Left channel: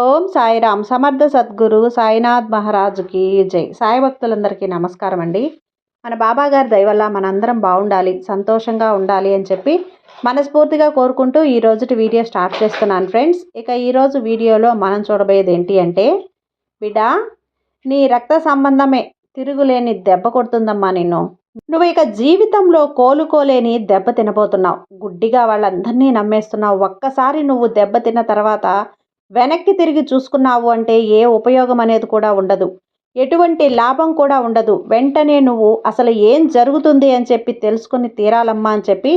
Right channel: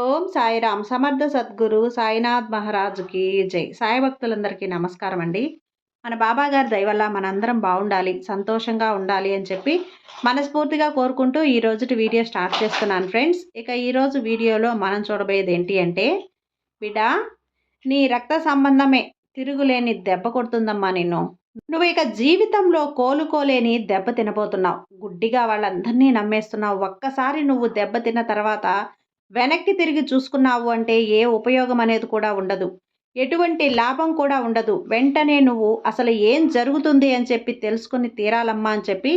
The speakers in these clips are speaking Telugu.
ఓం సాయిరామ్. సమర్థ సద్గురు సాయినాథ్ మహారాజుకి జై. సాయి భక్తులందరికీ నమస్కారం అండి మన బాబా గారి దయవల్ల మనందరం బాగుండాలి సంతోషంగా ఉండాలి అని చెప్పి మనస్ఫూర్తిగా కోరుకుంటూ ఈ రోజుటి వీడియో స్టార్ట్ చేస్తున్నాను ఫ్రెండ్స్. ఇక ఈరోజు వీడియోలో మనం చూడబోయేది ఏంటి అంటే బిడా నీ రక్త సంబంధమే తిరుగులేని దెబ్బ కొడుతుందమ్మా నిన్ను. నువ్వు ఇక జీవితంలో కోలుకోలేని దెబ్బ తినబోతున్నావు. గుడ్డిగా వాళ్ళందరినీ నమ్మేస్తున్నావు. ఒక్కసారి నువ్వు దెబ్బ తిన్న తర్వాత వెనక్కి తిరిగి చూసుకున్నావు అంటే ఏ ఉపయోగం అనేది కూడా ఉండదు. ఎటువంటి లాభం కూడా ఉండదు. వెంటనే నువ్వు అసలు ఏం జరుగుతుంది అని చెప్పి తెలుసుకుని తీరాలమ్మా అని చెప్పి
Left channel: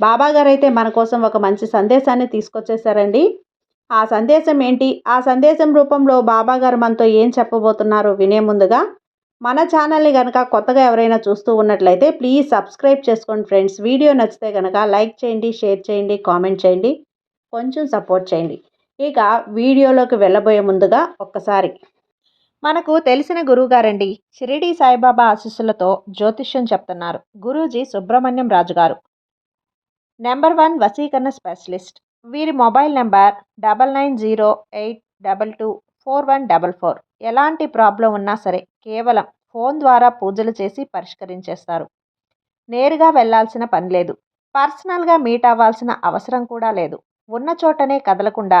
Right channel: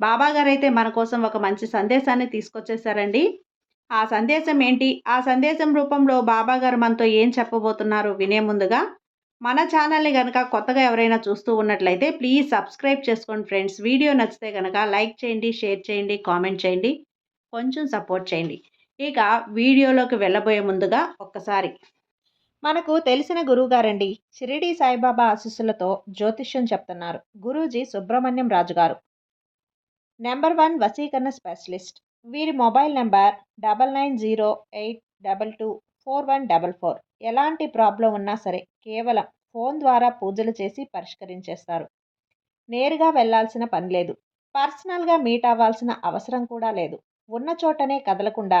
బాబాగారు అయితే మన కోసం ఒక మంచి సందేశాన్ని తీసుకొచ్చేసారండి ఆ సందేశం ఏంటి? ఆ సందేశం రూపంలో బాబాగారు మనతో ఏం చెప్పబోతున్నారు వినే ముందుగా మన ఛానల్ని కనుక కొత్తగా ఎవరైనా చూస్తూ ఉన్నట్లయితే ప్లీజ్ సబ్స్క్రైబ్ చేసుకోండి ఫ్రెండ్స్. వీడియో నచ్చితే కనుక లైక్ చేయండి షేర్ చేయండి కామెంట్ చేయండి. కొంచెం సపోర్ట్ చేయండి. ఇక వీడియోలోకి వెళ్ళబోయే ముందుగా ఒక్కసారి. మనకు తెలిసిన గురువుగారండి షిరిడి సాయిబాబా ఆశీస్సులతో జ్యోతిష్యం చెప్తున్నారు. గురూజీ సుబ్రహ్మణ్యం రాజు గారు నెంబర్ వన్ వసీకరణ స్పెషలిస్ట్. వీరి mobile number double nine zero eight double two four one double four. ఎలాంటి ప్రాబ్లం ఉన్నా సరే కేవలం ఫోన్ ద్వారా పూజలు చేసి పరిష్కరించేస్తారు. నేరుగా వెళ్ళాల్సిన పని లేదు. పర్సనల్గా మీట్ అవ్వాల్సిన అవసరం కూడా లేదు. ఉన్న చోటనే కదలకుండా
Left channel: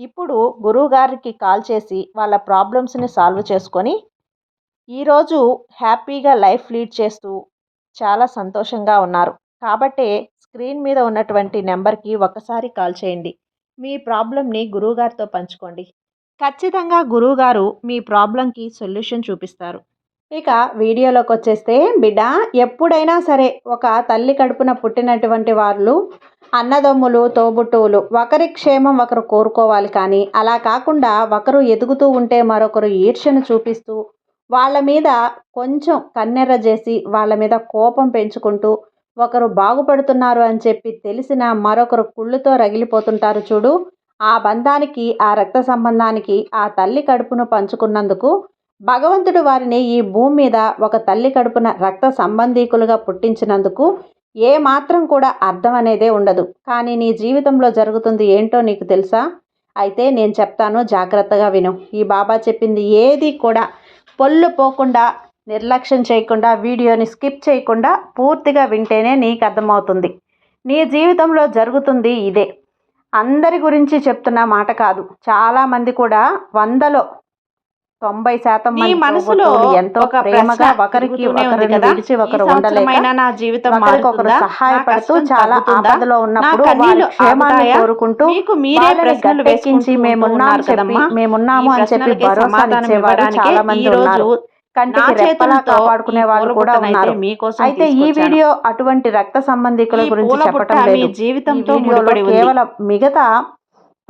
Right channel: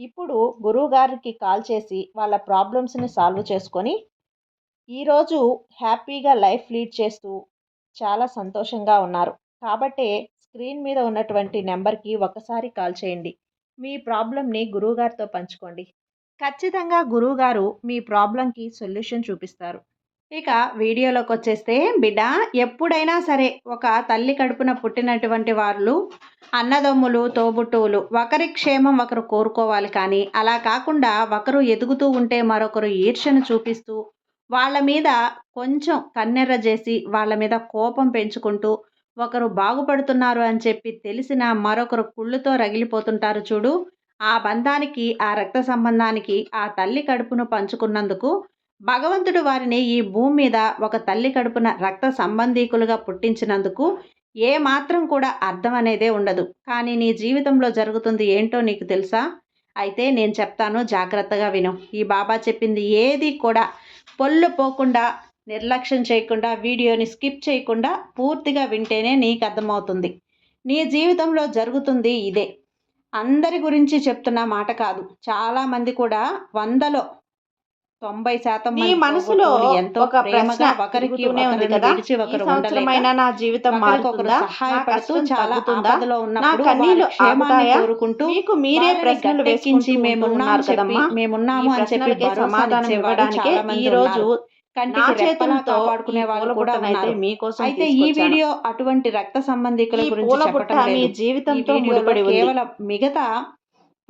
ఇప్పుడు గురువుగారికి కాల్ చేసి వాళ్ళ ప్రాబ్లమ్స్ని సాల్వ్ చేసుకొని ఈరోజు హ్యాపీగా లైఫ్ లీడ్ చేస్తూ చాలా సంతోషంగా ఉన్నారు. కాబట్టే స్క్రీన్ మీద ఉన్నటువంటి నెంబర్కి ఒకసారి కాల్ చేయండి. మీ ప్రాబ్లమ్ని గురువుగారితో పంచుకోండి. ఖచ్చితంగా గురువుగారు మీ ప్రాబ్లంకి సొల్యూషన్ చూపిస్తారు. ఇక వీడియోలోకి వచ్చేస్తే బిడ్డ ఎప్పుడైనా సరే ఒక తల్లి కడుపున పుట్టినటువంటి వాళ్ళు అన్నదమ్ములు తోబుట్టువులు ఒకరి క్షేమం ఒకరు కోరుకోవాలి కానీ అలా కాకుండా ఒకరు ఎదుగుతూ ఉంటే మరొకరు ఈర్ష్యను చూపిస్తూ వాళ్ళ మీద కొంచెం కన్నెర్ర చేసి వాళ్ళ మీద కోపం పెంచుకుంటూ ఒకరు బాగుపడుతున్నారు అని చెప్పి తెలిసిన మరొకరు కుళ్ళుతో రగిలిపోతుంటారు చూడు. ఆ బంధానికి ఆ రక్త సంబంధానికి ఆ తల్లి కడుపును పంచుకున్నందుకు భగవంతుడు వారిని ఈ భూమి మీద ఒక తల్లి కడుపున రక్త సంబంధీకులుగా పుట్టించినందుకు ఏ మాత్రం కూడా అర్థం అనేదే ఉండదు. కానీ నీ జీవితంలో జరుగుతుంది ఏంటో నీకు తెలుసా? అయితే నేను చెప్తాను జాగ్రత్తగా విను. ఈ బాబా చెప్పింది ఏది కూడా పొల్లు పోకుండా నిర్లక్ష్యం చేయకుండా వీడియోని స్కిప్ చేయకుండా పూర్తిగా వింటేనే నీకు అర్థమవుతుంది. నీ జీవితంలో జరుగుతుంది ఇదే. అందరి గురించి చెప్తున్న మాట కాదు. చాలామంది కూడా వందలో తొంభై శాతం మీ మనసులో ఎంతో ప్రేమగా ఒకరికి ఒకరిని విడిచి ఒకరు ఉండలేక నా జీవితం ఒకరికొకరు మారుతుందా? సహాయపడుతూ చాలా? ఆపదలో ఉన్నప్పుడు వారి క్షేమాన్ని? కోరుకుంటూ మీకు మీరే గట్టెక్కించి వేసుకుంటూ మేమున్నాం చెప్పి? మేమున్నాము అని చెప్పి ఇచ్చేవారు ఇవ్వడానికే చాలా మంది ఉన్నారు కంటికి రెప్పలా కాపాడుకునే వాళ్ళు కూడా ఉన్నారు మీకోసం అయితే ఈ. వీడియో అటువంటి రక్త సంబంధికుల గురించి మీ లేదు ఈ జీవితంతో వీడియోలో. కేవలం మిగతా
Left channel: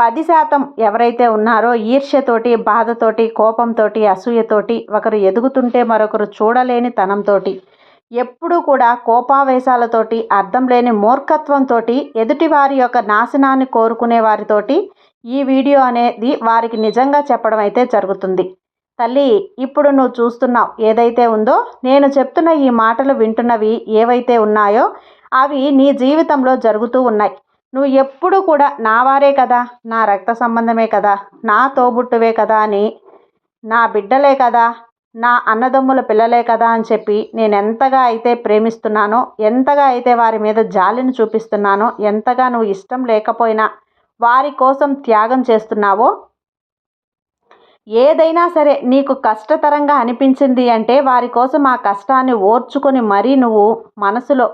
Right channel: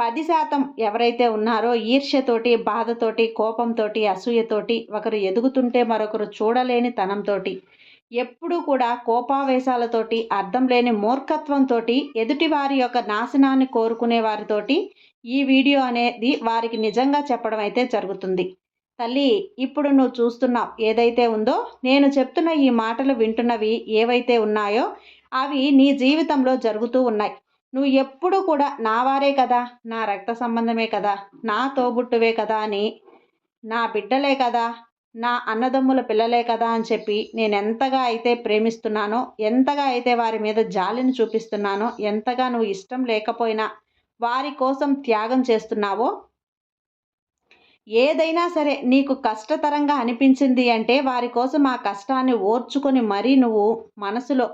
పది శాతం ఎవరైతే ఉన్నారో ఈర్ష్యతోటి బాధతోటి కోపంతోటి అసూయతోటి ఒకరు ఎదుగుతుంటే మరొకరు చూడలేని తనంతోటి ఎప్పుడూ కూడా కోపావేశాలతోటి అర్థం లేని మూర్ఖత్వంతో ఎదుటి వారి యొక్క నాశనాన్ని కోరుకునే వారితోటి ఈ వీడియో అనేది వారికి నిజంగా చెప్పడం అయితే జరుగుతుంది. తల్లి ఇప్పుడు నువ్వు చూస్తున్నావు ఏదైతే ఉందో నేను చెప్తున్న ఈ మాటలు వింటున్నవి ఏవైతే ఉన్నాయో అవి నీ జీవితంలో జరుగుతూ ఉన్నాయి. నువ్వు ఎప్పుడు కూడా నా వారే కదా నా రక్త సంబంధమే కదా నా తోబుట్టువే కదా అని నా బిడ్డలే కదా నా అన్నదమ్ముల పిల్లలే కదా అని చెప్పి నేను ఎంతగా అయితే ప్రేమిస్తున్నానో ఎంతగా అయితే వారి మీద జాలిని చూపిస్తున్నానో ఎంతగా నువ్వు ఇష్టం లేకపోయినా వారి కోసం త్యాగం చేస్తున్నావో ఏదైనా సరే నీకు కష్టతరంగా అనిపించింది అంటే వారి కోసం ఆ కష్టాన్ని ఓర్చుకొని మరీ నువ్వు మనసులో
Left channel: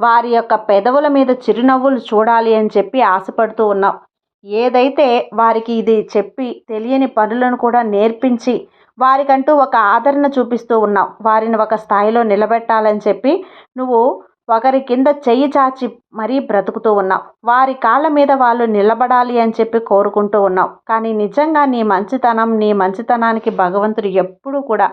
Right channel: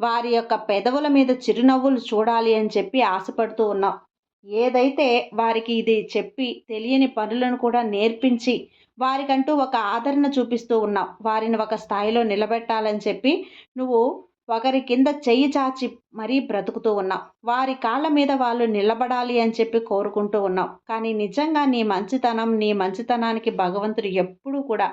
వారి యొక్క పెదవుల మీద చిరునవ్వులు చూడాలి అని చెప్పి ఆశపడుతూ ఉన్నావు ఏదైతే వారికి ఇది చెప్పి తెలియని పనులను కూడా నేర్పించి వారికంటూ ఒక ఆదరణ చూపిస్తూ ఉన్నావు వారిని ఒక స్థాయిలో నిలబెట్టాలని చెప్పి నువ్వు ఒకరి కింద చెయ్యి చాచి మరీ బ్రతుకుతూ ఉన్నావు వారి కాళ్ళ మీద వాళ్ళు నిలబడాలి అని చెప్పి కోరుకుంటూ ఉన్నావు కానీ నిజంగా నీ మంచితనం నీ మంచితనానికి భగవంతుడు ఎప్పుడూ కూడా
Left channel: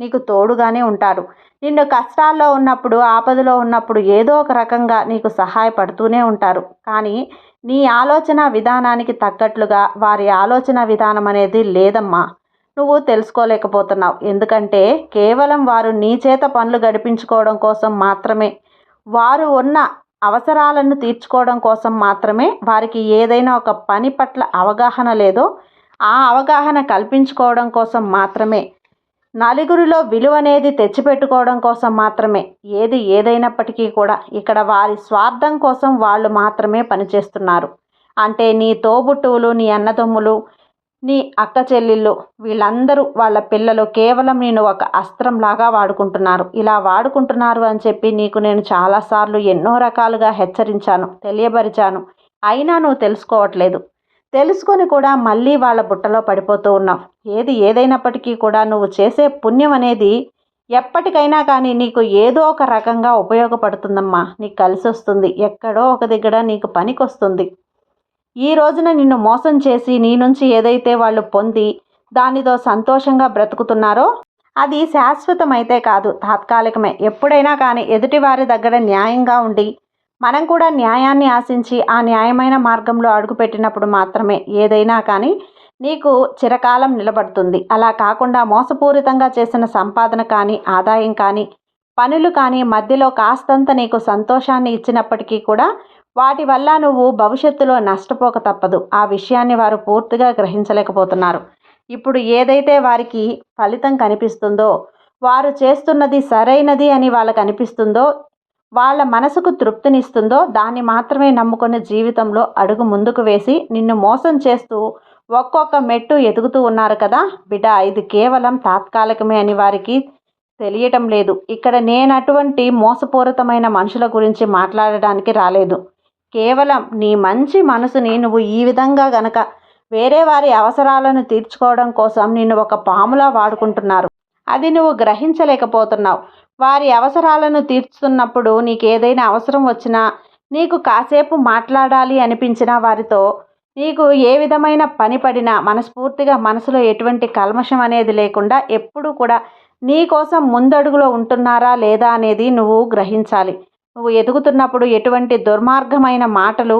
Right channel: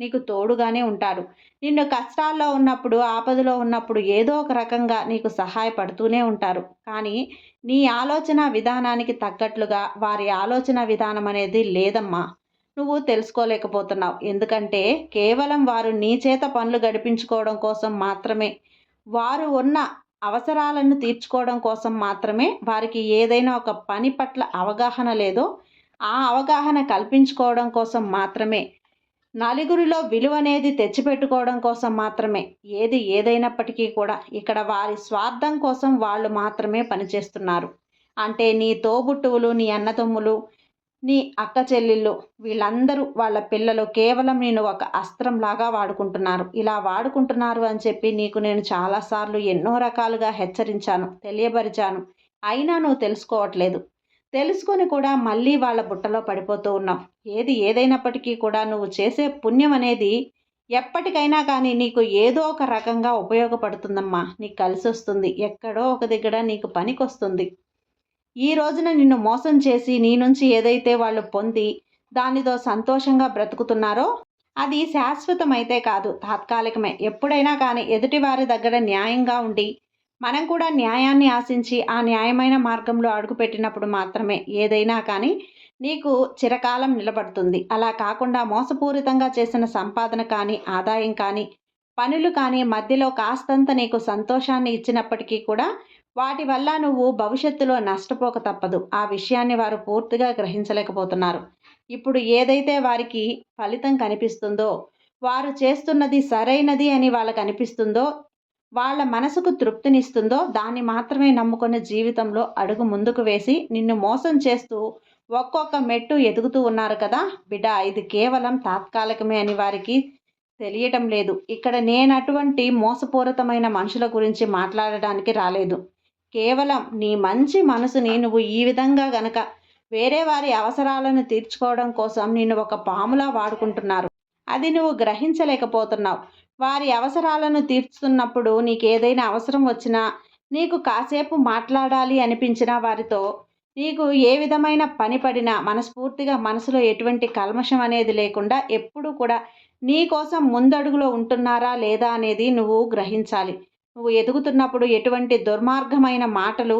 నీకు తోడుగానే ఉంటారు. నిన్ను కష్టాల్లో ఉన్నప్పుడు ఆపదలో ఉన్నప్పుడు ఏదో ఒక రకంగా నీకు సహాయపడుతూనే ఉంటారు. కానీ నీ ఆలోచన విధానానికి తగ్గట్లుగా వారి ఆలోచన విధానం అనేది లేదమ్మా. నువ్వు తెలుసుకోలేకపోతున్నావు. ఎందుకంటే కేవలం వారు నీ చేత పనులు గడిపించుకోవడం కోసం మాత్రమే వారు ఉన్న అవసరాలను తీర్చుకోవడం కోసం మాత్రమే వారికి ఏదైనా ఒక పని పట్ల అవగాహన లేదో ఆ అవగాహన కల్పించుకోవడం కోసం మాత్రమే నలుగురిలో విలువ అనేది తెచ్చిపెట్టుకోవడం కోసం మాత్రమే. ఏది ఏదైనప్పటికీ కూడా ఇక్కడ వారి స్వార్థం కోసం వాళ్ళు మాత్రమే పనిచేస్తున్నారు. అంటే నీ తోబుట్టువులు నీ అన్నదమ్ములు నీ అక్క చెల్లెళ్ళు వీళ్ళందరూ వాళ్ళ పిల్లలు కేవలం నేను ఒక అస్త్రంలాగా వాడుకుంటున్నారు. ఇలా వాడుకుంటున్నారు అని చెప్పి నీకు నేను చాలాసార్లు ఎన్నో రకాలుగా హెచ్చరించాను తెలియపరిచాను. అయినా నువ్వు తెలుసుకోవట్లేదు. తెలుసుకొని కూడా మళ్ళీ వాళ్ళ బుట్టలో పడిపోతూ ఉన్నావు. ఏది ఏదైనప్పటికీ కూడా నువ్వు చేసే పుణ్యం అనేది ఎప్పటికైనా కానీ నీకు ఏదో ఒక రకంగా ఉపయోగపడుతుందమ్మా. నీకు కలిసి వస్తుంది. ఎక్కడో ఒక దగ్గర నీకు పనికొస్తుంది. ఈ రోజున నిన్ను మోసం చేసి నీ నుంచి ఏదైతే వాళ్ళు పొంది దానితో సంతోషంగా బ్రతుకుతున్నారో అది శాశ్వతమైతే కాదు తాత్కాలికమే. ఎప్పుడైనా కానీ ఎదుటివారి దగ్గర న్యాయంగా ఉండి మనం కూడా న్యాయాన్ని ఆశించి ఆ న్యాయమైన మార్గంలో అడుగుపెట్టినప్పుడు మాత్రమే ఏదైనా కానీ నీకు చిరకాలం నిలబడుతుంది. అలా కాకుండా మోసపూరితంగా చేసిన సంపాదన కానీ ఆదాయం కానీ పనులు కానీ మధ్యలో కాస్తంత నీకు సంతోషాన్ని ఇచ్చినప్పటికీ కూడా వాటి వల్ల నువ్వు భవిష్యత్తులో నష్టపోక తప్పదు. ఆ విషయాన్ని వారు పూర్తిగా గ్రహించలేకపోతున్నారు. ఇప్పుడు ఏదైతే వారికి ఫలితం కనిపిస్తుందో వారు చేస్తున్నది సరైనది అని వాళ్ళకు అనిపిస్తుందో వాళ్ళ మనసుకు తృప్తినిస్తుందో దాన్ని మాత్రమే నమ్ముకుని జీవితంలో అడుగు ముందుకు వేసి నిన్ను మోసం చేస్తూ ఒక్కొక్క మెట్టు ఎదుగుతూ ఉన్నారు కదా? బిడ్డ ఇది కేవలం తాత్కాలికమే అని వారికి తెలియటం లేదు. ఇక్కడ నేను అటువంటి మోసపూరితమైన మనుషుల గురించి మాట్లాడడానికి రాలేదు. కేవలం నీ మంచి మనసుని నువ్వు ఈ విధంగా గనక వేరే వారి అవసరాలను తీర్చుకోవడం కోసం నిన్ను ఒక పాములా వాడుకుంటున్నారు. అది నువ్వు గ్రహించలేకపోతున్నావు. వారి అవసరాలను తీర్చుతున్నప్పుడు నీకు ఏదైనా అవసరం వచ్చినా నీకు కాసేపు మాట్లాడాలి అనిపించిన వారితో నీకు ఏ విధమైన పని పడినా మనస్ఫూర్తిగా మనసులో ఎటువంటి కల్మషం అనేది లేకుండా ఎప్పుడూ కూడా నీ కోసం ముందడుగులో ఉంటున్నారా లేదా అనేది నువ్వు గ్రహించాలి. నువ్వు ఎదుగుతున్నప్పుడు ఎటువంటి దుర్మార్గమైన మాటలు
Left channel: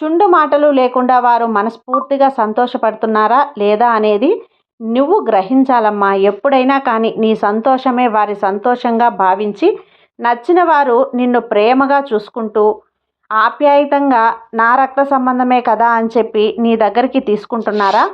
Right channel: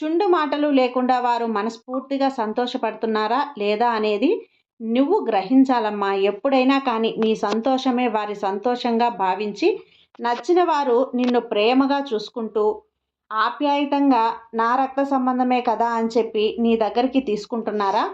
చుండు మాటలు లేకుండా వారు మనస్ఫూర్తిగా సంతోషపడుతున్నారా లేదా అనేది నువ్వు గ్రహించాలమ్మా. ఎప్పుడైనా కానీ నీ సంతోషమే వారి సంతోషంగా భావించి నచ్చిన వారు నిన్ను ప్రేమగా చూసుకుంటూ ఆప్యాయతంగా నా రక్త సంబంధమే కదా అని చెప్పి నీ దగ్గరికి తీసుకుంటున్నారా?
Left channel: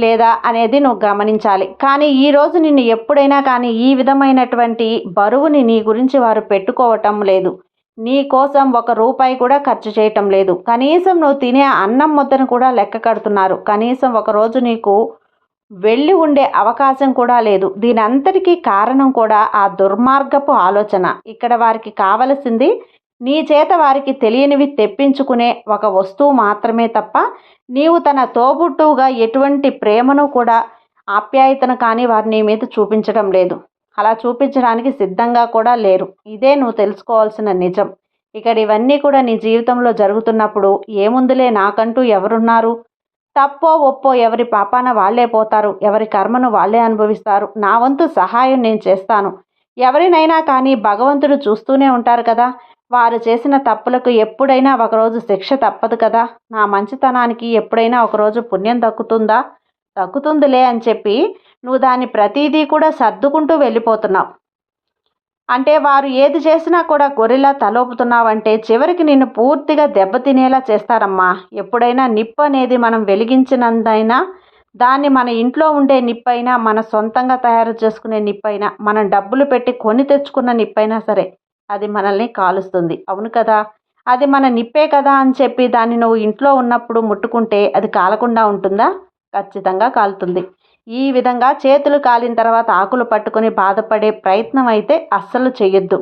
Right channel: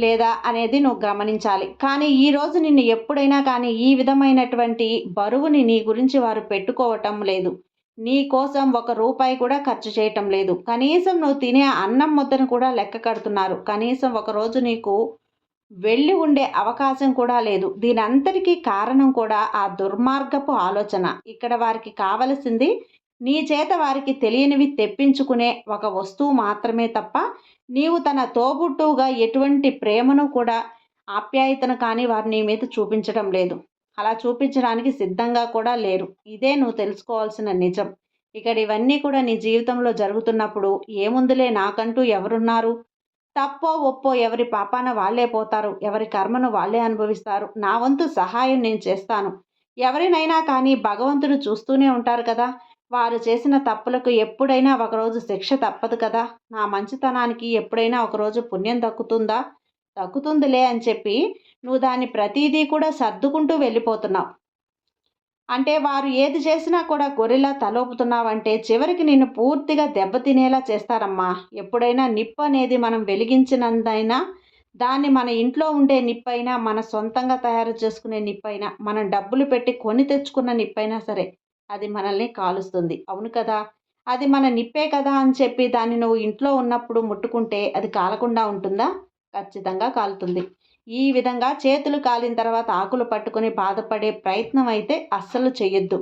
లేదా అనేది నువ్వు గమనించాలి. కానీ ఈరోజు నిన్ను ఎప్పుడైనా కానీ ఈ విధమైనటువంటి బరువుని నీ గురించి వారు పెట్టుకోవటం లేదు. నీ కోసం ఒక రూపాయి కూడా ఖర్చు చేయటం లేదు. కనీసం నువ్వు తినే అన్నం ముద్దను కూడా లెక్క కడుతున్నారు. కనీసం ఒకరోజు నీకు వెళ్ళి ఉండే అవకాశం కూడా లేదు. దీనంతటికీ కారణం కూడా ఆ దుర్మార్గపు ఆలోచన. ఇక్కడ వారికి కావలసింది నీ చేత వారికి తెలియనివి తెప్పించుకునే ఒక వస్తువు మాత్రమే తప్ప నీవు తన తోబుట్టువుగా ఎటువంటి ప్రేమను కూడా ఆప్యాయతను కానీ వారి నీ మీద చూపించడం లేదు. అలా చూపించడానికి సిద్ధంగా కూడా లేరు. ఇదే నువ్వు తెలుసుకోవాల్సిన నిజం. ఇక్కడ ఇవన్నీ కూడా నీ జీవితంలో జరుగుతున్నప్పుడు ఏముందులే నాకంటూ ఎవరున్నారు? తప్పో ఒప్పో ఎవరి పాపాన వాళ్ళే పోతారు ఎవరి కర్మను వాళ్ళే అనుభవిస్తారు. నా వంతు సహాయం నేను చేస్తాను. ఎవరినైనా కానీ భగవంతుడు చూస్తూనే ఉంటారు కదా. వారు చేసిన తప్పులకు ఎప్పుడైనా ఒకరోజు శిక్ష తప్పదు కదా. నా మంచితనానికి ఎప్పుడైనా ఒకరోజు పుణ్యం దక్కుతుందా? దక్కుతుందిలే అని చెప్పి నువ్వు దాన్ని ప్రతీదీ కూడా సర్దుకుంటూ వెళ్ళిపోతున్నావు. అంటే వారు ఏది చేసినా కూడా గొర్రెలా తలోపుతున్నావంటే చివరికి నిన్ను పూర్తిగా దెబ్బతినేలా చేస్తారమ్మా. ఎప్పుడైనా నిప్పు అనేది మనం వెలిగించినందైనా దాన్ని మన ఇంట్లో ఉండే నిప్పైనా మన సొంతంగా తయారు చేసుకునే నిప్పైనా మనం డబ్బులు పెట్టి కొని తెచ్చుకున్న నిప్పైనా సరే అది మనల్ని కాలుస్తుంది. అవును కదా? అది మన నిప్పే కదా అని చెప్పి దాన్ని నువ్వు ఇంట్లో ఉన్నప్పుడు ముట్టుకుంటే అది కాలకుండా ఉంటుందా? ఖచ్చితంగా కాలుతుంది. ఈ విధంగా చేతులు కాలిన తర్వాత ఆకులు పట్టుకొని బాధపడే ప్రయత్నం అయితే అస్సలు చేయొద్దు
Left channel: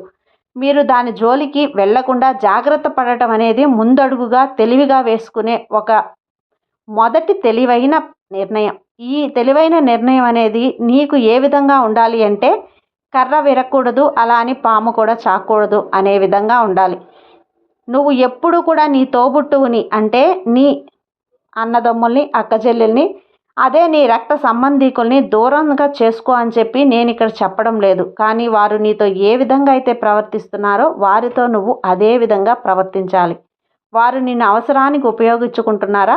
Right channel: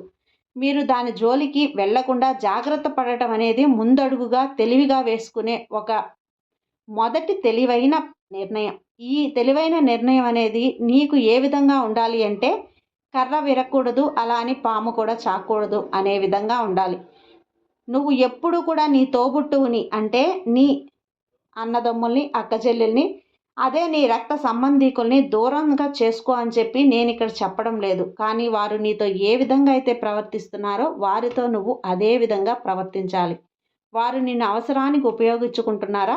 మీరు దాని జోలికి వెళ్ళకుండా జాగ్రత్త పడటం అనేది ముందడుగుగా తెలివిగా వేసుకునే ఒక మొదటి తెలివైన నిర్ణయం. ఈ తెలివైన నిర్ణయం అనేది నీకు ఏ విధంగా ఉండాలి అంటే కర్ర విరక్కూడదు అలా అని పాము కూడా చాకూడదు అనే విధంగా ఉండాలి. నువ్వు ఎప్పుడు కూడా నీ తోబుట్టువుని అంటే నీ అన్నదమ్ముల్ని అక్కచెల్లెల్ని అదే నీ రక్త సంబంధీకుల్ని దూరంగా చేసుకో అని చెప్పి నేను ఇక్కడ చెప్పడం లేదు. కానీ వారు నీతో ఏ విధంగా అయితే ప్రవర్తిస్తున్నారో వారితో నువ్వు అదే విధంగా ప్రవర్తించాలి. వారు నిన్ను అవసరానికి ఉపయోగించుకుంటున్నారా?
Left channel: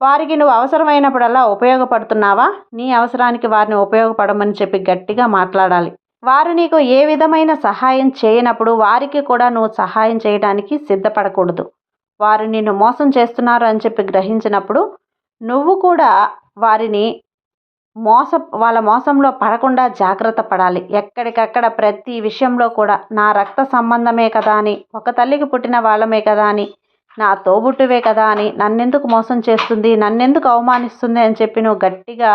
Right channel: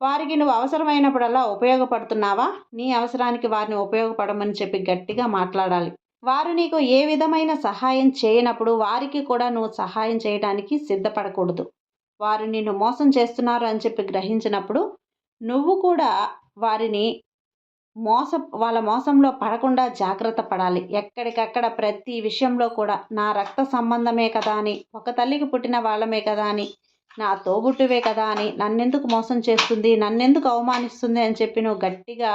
వారికి నువ్వు అవసరమైనప్పుడల్లా ఉపయోగపడుతున్నావా? నీ అవసరానికి వారిని ఉపయోగపడమని చెప్పి గట్టిగా మాట్లాడాలి. వారు నీకు ఏ విధమైన సహాయం చేయనప్పుడు వారికి కూడా నువ్వు సహాయం చేయడానికి సిద్ధపడకూడదు. వారు నిన్ను మోసం చేస్తున్నారు అని చెప్పి గ్రహించినప్పుడు నువ్వు కూడా వారిని మోస వాళ్ళ మోసంలో పడకుండా జాగ్రత్త పడాలి. ఎక్కడికక్కడ ప్రతి విషయంలో కూడా నా రక్త సంబంధమే కదా అని ఒక తల్లికి పుట్టిన వాళ్ళమే కదా అని నా తోబుట్టువే కదా అని నన్నెందుకు మోసం చేస్తుంది నన్నెందుకు అవమానిస్తుంది అని చెప్పి నువ్వు గట్టిగా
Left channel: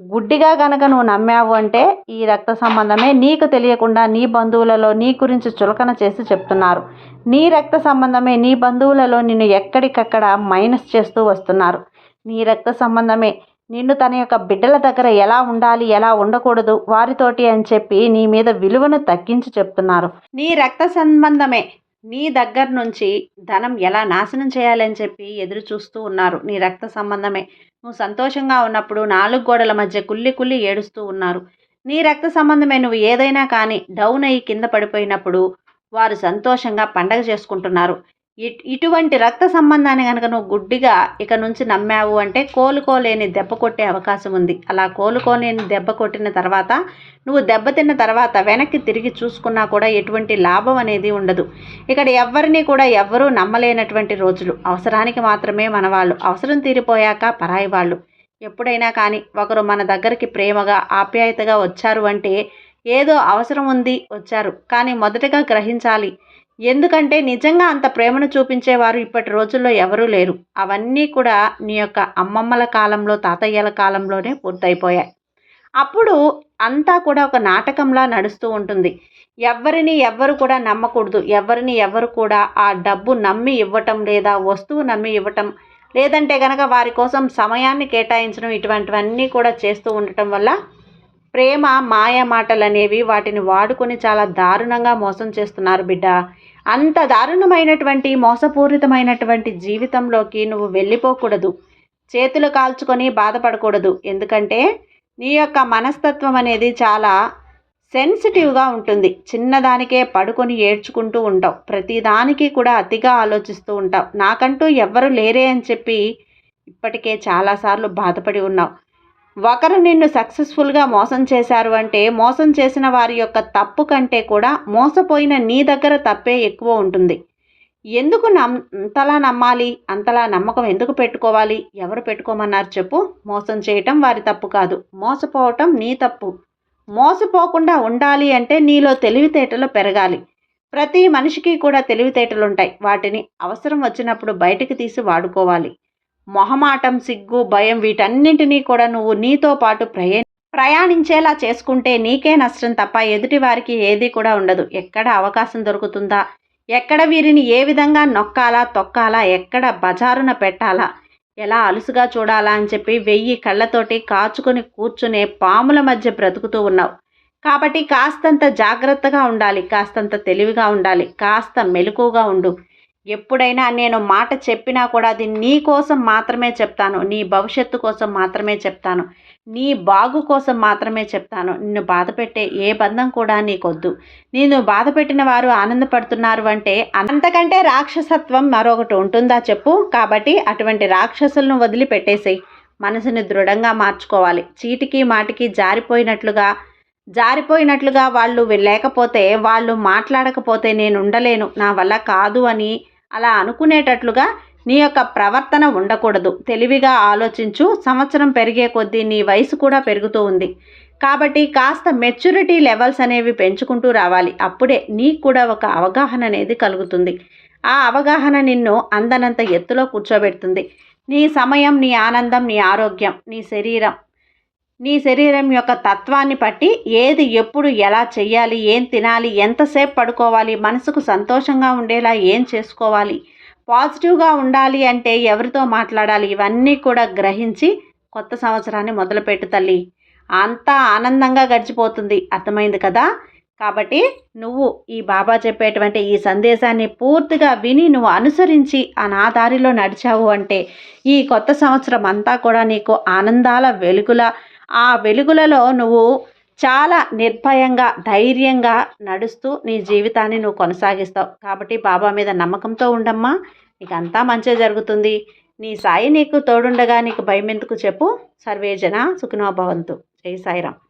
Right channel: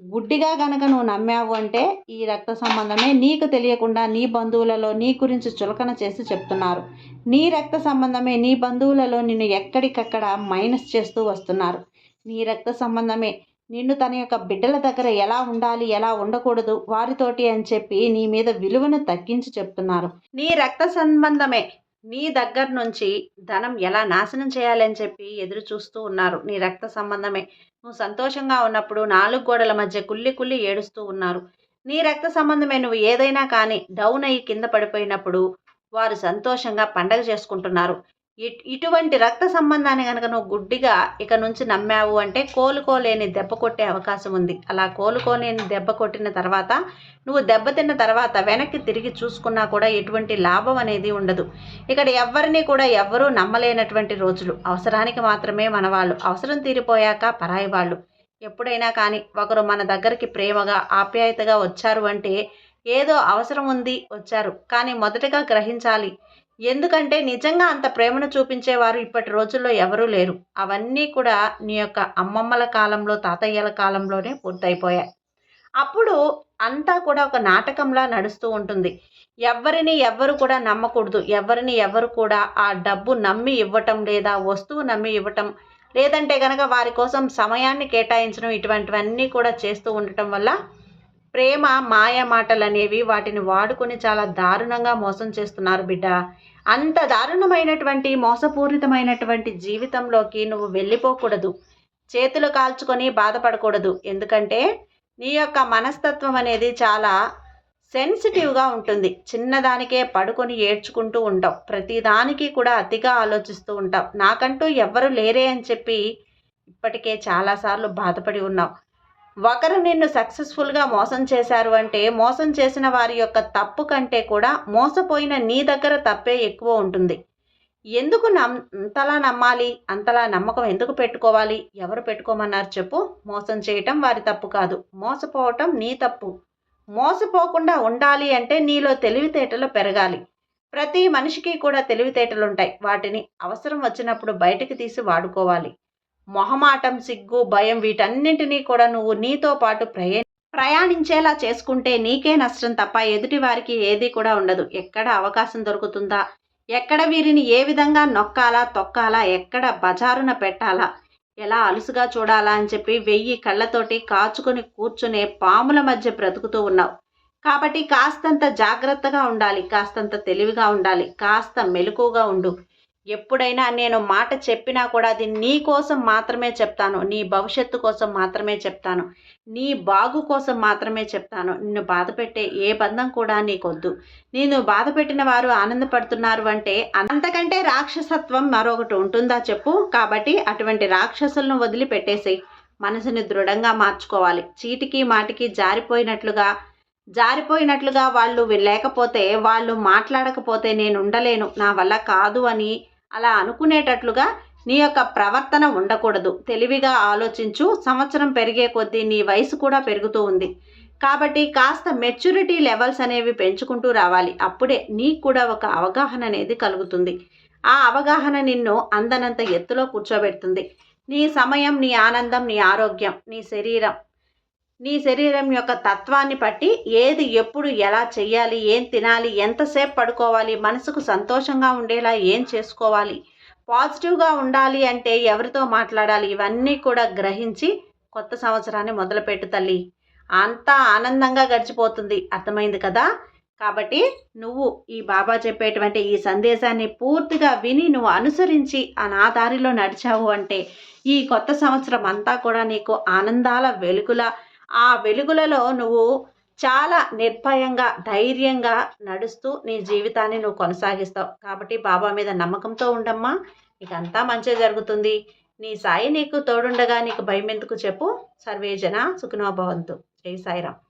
గుడ్డిగా గనక నువ్వు నమ్మావు అంటే ఈ రక్త సంబంధమే నీకు తెలియకుండా నీ బంధువులలో నీ గురించి చులకన చేసి చెప్తున్నారు. నీ రక్త సంబంధమే నీ బంధువులలో నిన్ను ఎక్కడికక్కడ మైనస్ చేస్తూ వస్తున్నారు. నీ రక్త సంబంధమే. నిన్ను తన యొక్క బిడ్డల దగ్గర ఎలా ఉండాలి ఎలా ఉండకూడదు వారితోటి అని చెప్పి నీ మీద విలువను తగ్గించి చెప్తున్నారు. నీ రక్త సంబంధమే. నీ దగ్గర నుంచి ధనం ఎలా నాశనం చేయాలని చెప్పి ఎదురు చూస్తూ ఉన్నారు. నీ రక్త సంబంధమే. నువ్వు సంతోషంగా ఉన్నప్పుడు నాలుగు గోడల మధ్య కుల్లి కుల్లి ఏడుస్తూ ఉన్నారు. నీ రక్త సంబంధమే. నువ్వు ఏదైనా కానీ డౌన్ అయ్యి కింద పడిపోయినప్పుడు వారు సంతోషంగా పండగ చేసుకుంటున్నారు. ఇటువంటి రక్త సంబంధాన్ని కనుక నువ్వు గుడ్డిగా ఇక నుంచి నమ్మావు అంటే కోలుకోలేని దెబ్బ కొట్టే అవకాశం ఉంది. అలా కోలుకోలేని దెబ్బ కొట్టిన తర్వాత నువ్వు దెబ్బతిన్న తర్వాత వెనక్కి తిరిగి చూసుకున్నా కూడా ఎటువంటి లాభం అనేది ఉండదు. ఇక్కడ ఎవరిని కూడా ఎవ్వరూ నమ్మలేనటువంటి రోజులు. అవసరానికి మాత్రమే మన వాళ్ళు అవసరం తీరిపోయాక పరాయి వాళ్ళు. ఎప్పుడైనా కానీ ఒకరు మన దగ్గరికి ప్రేమగా ఆప్యాయతగా వచ్చారు అంటే ఏదో అవసరం ఉంది వచ్చారు. కానీ మొదటగా గ్రహించాలి. ఎందుకంటే నిజంగా అంత ప్రేమను చూపించేవారు ఇప్పటి రోజుల్లో ఎవరూ లేరు. అవన్నీ కూడా నీ యొక్క అమ్మమ్మల కాలంలో తాతయ్యల కాలంలోనే పూర్తయిపోయాయి. అప్పుడు అంతా కూడా ఒక నాటకంలా నడుస్తూ ఉంటుంది. ఎవరిని ఎవ్వరు కూడా నమ్మకూడదు. ఎవరిని ఎవరు కూడా ఆ డబ్బు నమ్మి ఇవ్వటం లేదా వస్తువు నమ్మి ఇవ్వటం లేదంటే కనుక వారి కోసం సమయాన్ని కేటాయించడం ఇటువంటివన్నీ కూడా చేస్తూ ఉండటం వల్ల ప్రేమ మాయ మాటలు అనేవి వాటిని వాడుకొని చాలా దారుణంగా మోసం చేస్తున్నారు బిడ్డ. అంత దారుణమైనటువంటి మోసపూరితమైనటువంటి జీవితంలోకి నువ్వు వెళ్ళిపోకూడదు. చేతులు కాల్చుకొని బాధపడకూడదు. ఎందుకంటే నీ యొక్క మనస్తత్వం అనేది చాలా సెన్సిటివ్గా ఉంటుంది. చిన్నదానికే పడుకొని ఏడ్చుకుంటూ ఉంటావు. ప్రతిదానికి కూడా అతిగా ఆలోచిస్తూ ఉంటావు. నాకంటూ ఎవ్వరు లేరే అని చెప్పి ఇప్పటికే చాలాసార్లు బాధపడి ఉన్నావు. ఒకరు నిన్ను సక్సెస్ఫుల్గా మోసం చేశారు అంటే మోసం చేసిన వారి యొక్క తప్పు కంటే కూడా మోసపోయిన నీ దగ్గర తప్పే ఎక్కువ ఉంటుంది. ఎందుకు నమ్ అంతలా నమ్మాలి? అంతలా నమ్మకం ఎందుకు పెట్టుకోవాలి? ఎవరు పెట్టుకోమన్నారు చెప్పు. మోసం చేయటం వారి తప్పు కాదు. మోసపోవటం నీ తప్పు. మోసపోకుండా ఉండాలి అంటే నీలో తెలివితేటలు పెరగాలి. ప్రతి మనిషికి కూడా తెలివితేటలు ఉంటాయి వాటిని అవసరం వచ్చినప్పుడు బయటికి తీసి వాడుకోవాలి. మొహమాటం సిగ్గు భయం వీటన్నింటినీ కూడా నువ్వు నీతో పాటు ప్రయా ప్రయాణించేలా చేసుకుంటే నీకే నష్టం తప్ప ఎదుటి వారికి ఏది కూడా ఉండదు. ఎక్కడ అవకాశం దొరుకుతుందా? ఎక్కడ వీరిని ఏ విధంగా నొక్కాలా తొక్కాలా ఎక్కడ బజారున పెట్టాలా? ఎలా అలుసుగా చూడాలా అని చెప్పి వెయ్యి కళ్ళతోటి కాచుకొని కూర్చునే పాముల మధ్య బ్రతుకుతూ ఉన్నావు. కాబట్టి కాస్తంత జాగ్రత్తగా ఉండాలి కాస్తంత తెలివిగా ఉండాలి కాస్త మెలకుగా ఉండు. ఎప్పుడైనా నేను మాట చెప్పినా కూడా అది నీ కోసం మాత్రమే చెప్తాను. నీ భవిష్యత్తు కోసం మాత్రమే చెప్తాను. నీ బాగు కోసం మాత్రమే చెప్తాను. నిన్ను బాధపెట్టే ఏ బంధం కూడా నీకొద్దు. నేను బాధపెట్టిన వారు ఆనందపడుతున్నారు అంటే అంతకంటే రాక్షసత్వం మరొకటి ఉంటుందా చెప్పు. కాబట్టి అటువంటి రాక్షసులను వదిలిపెట్టేసేయి. మనసుని దృఢంగా మార్చుకోవాలి. చీటికి మాటికి జారిపోయినట్లుగా జారిపోయినట్లుగా వాళ్ళు లేకపోతే వాళ్ళు మాట్లాడకపోతే నేను ఉండలేను. నా వల్ల కాదు అని అలా అనుకునేటట్లుగా నీ యొక్క ప్రవర్తన ఉండకూడదు. తెలివిగా ఆలోచించు. సంవత్సరం పెరిగే కొద్దీ నీ వయసు కూడా పెరుగుతూ ఉంది. కాబట్టి కాస్త మెచ్యూరిటీ లెవెల్స్ అనేవి పెంచుకుంటూ రావాలి. అప్పుడే నీకు కూడా ఒక అవగాహన అనేది కలుగుతుంది. ఆ అవగాహన నిన్ను అందనంత ఎత్తులో కూర్చోబెడుతుంది. నీ సమయం నీ ఆనందం నీ ఆరోగ్యం నీ శరీరం నీ శరీరం యొక్క తత్వాన్ని బట్టి ఏది ఎప్పుడు ఎలా చేయాలి ఏం తినాలి ఎంతసేపు పడుకోవాలి మనసుకు సంతోషంగా ఉండేలా ఏం చేసుకోవాలి పాజిటివ్గా ఉండాలి అంటే ఎవరితో మాట్లాడాలి ఇవన్నీ కూడా గ్రహించి కొత్త సంవత్సరాన్ని మొదలుపెట్టు తల్లి. అంతా ఆనందంగా గడిచిపోతుంది. అర్థమైంది కదా? కాబట్టి నువ్వు ఈ బాబా చెప్పేటువంటి ఈ సందేశాన్ని పూర్తిగా విని నువ్వు అనుసరించి ఆ నా దారిలో నడిచావు అంటే ఈ కొత్త సంవత్సరం అంతా కూడా నీకు ఆనందాల వెలుగుల ఆ వెలుగులలో నువ్వు చాలా నిర్భయంగా ధైర్యంగా నడుస్తూ నీ జీవితాన్ని నువ్వు కొనసాగిస్తావు. కాబట్టి బాబా మీద నమ్మకంతో ఉండమ్మా. నీకు అంతా మంచి జరుగుతుంది. నీ సాయి నీకు తోడుండగా నీకు భయం ఎందుకు చెప్పు సర్వేజన సుఖనోభవంతు జై సాయిరామ్.